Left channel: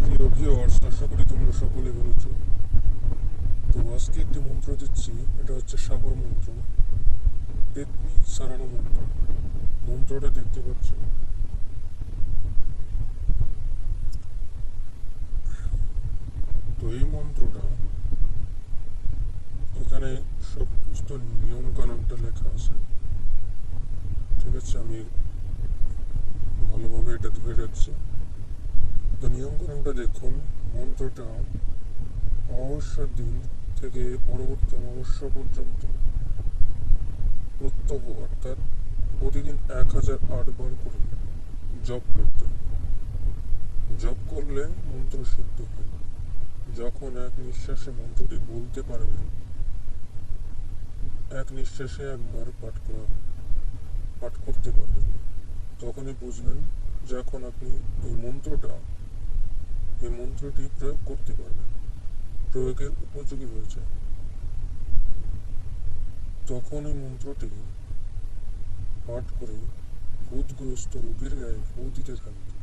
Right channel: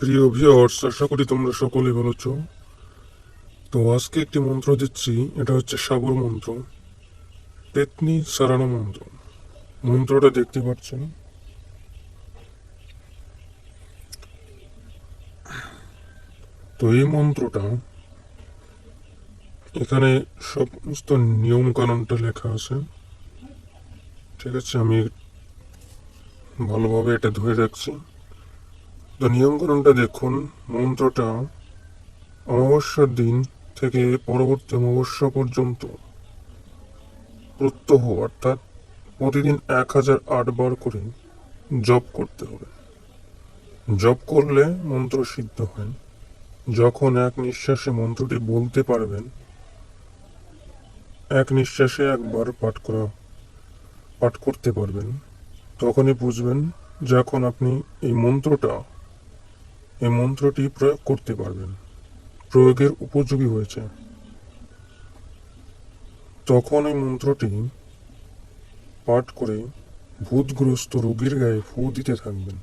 প্রিয় ভিউয়ার্স, আশা করি তোমরা সকলে ভালো আছো। তো আজকে একটি মন্ত্র দিচ্ছি, এটা হচ্ছে সাগর মন্ত্র, পেতনি সারানো মন্ত্র। মন্ত্রটা দেখতে পাচ্ছেন। তো এই মন্ত্রটা এখানে সমস্ত নিয়ম কানুনটা লেখা আছে। ঠিক আছে, আমি ভালোভাবে এটা ধরে রাখছি। তো নিয়ম কানুনটা দেখুন। মন্ত্রটা অমাবস্যার দিন থেকে পরবর্তী অমাবস্যা পর্যন্ত প্রত্যহ অর্থাৎ প্রতিদিন 1008 বার করে জপ করতে হবে। জপ করলে মন্ত্র সিদ্ধ হয়। যখন এক নিঃশ্বাসে মন্ত্রটি বলতে পারবেন, এক নিঃশ্বাসে একবার পাঠ করতে পারবেন, তখনই বুঝবেন যে এখন আপনি এই মন্ত্রটি প্রয়োগ করতে পারবেন, প্রয়োগের উপযোগী হয়েছে। তখন এই মন্ত্রটি পাঠ করে ভূতগ্রস্ত রোগীর গায়ে ফু দিতে থাকবেন।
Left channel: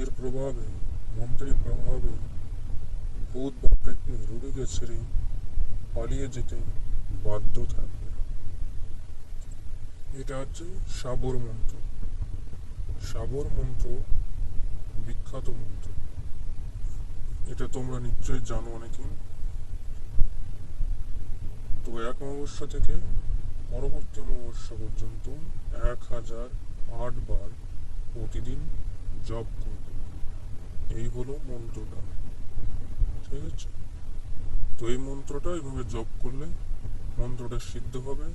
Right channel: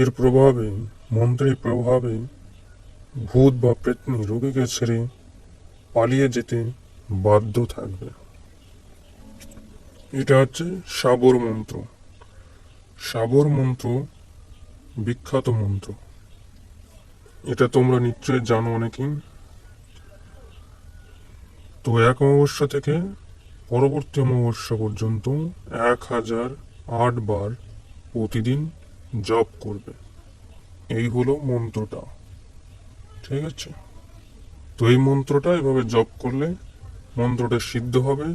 এর প্রভাবে, মন্ত্রের প্রভাবে ভূত বা প্রেতনি রোগীকে ছেড়ে পালিয়ে যেতে বাধ্য থাকবে। এটা হচ্ছে সাবর মন্ত্র। সাবর মন্ত্র বিখ্যাত মন্ত্র, এটা তোমরা নিশ্চয়ই জানো অনেকেই। তো এক অমাবস্যা থেকে পরবর্তী অমাবস্যা পর্যন্ত 1008 বার প্রতিদিন জপ করবে। এই হলো মন্ত্রটা। ঠিক আছে, তো এই মন্ত্রটা এভাবে জপ করলে মন্ত্রটা সিদ্ধ হবে।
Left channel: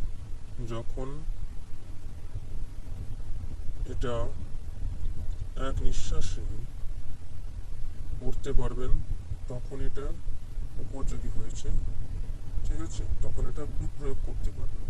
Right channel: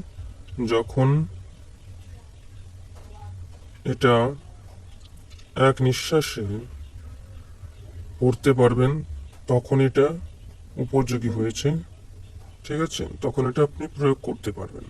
যখন এটা এক নিঃশ্বাসে পড়তে পারবেন, তখন এটা উপযোগী হয়েছে। ঠিক আছে, তখন এটা আপনি প্রয়োগ করতে পারবেন।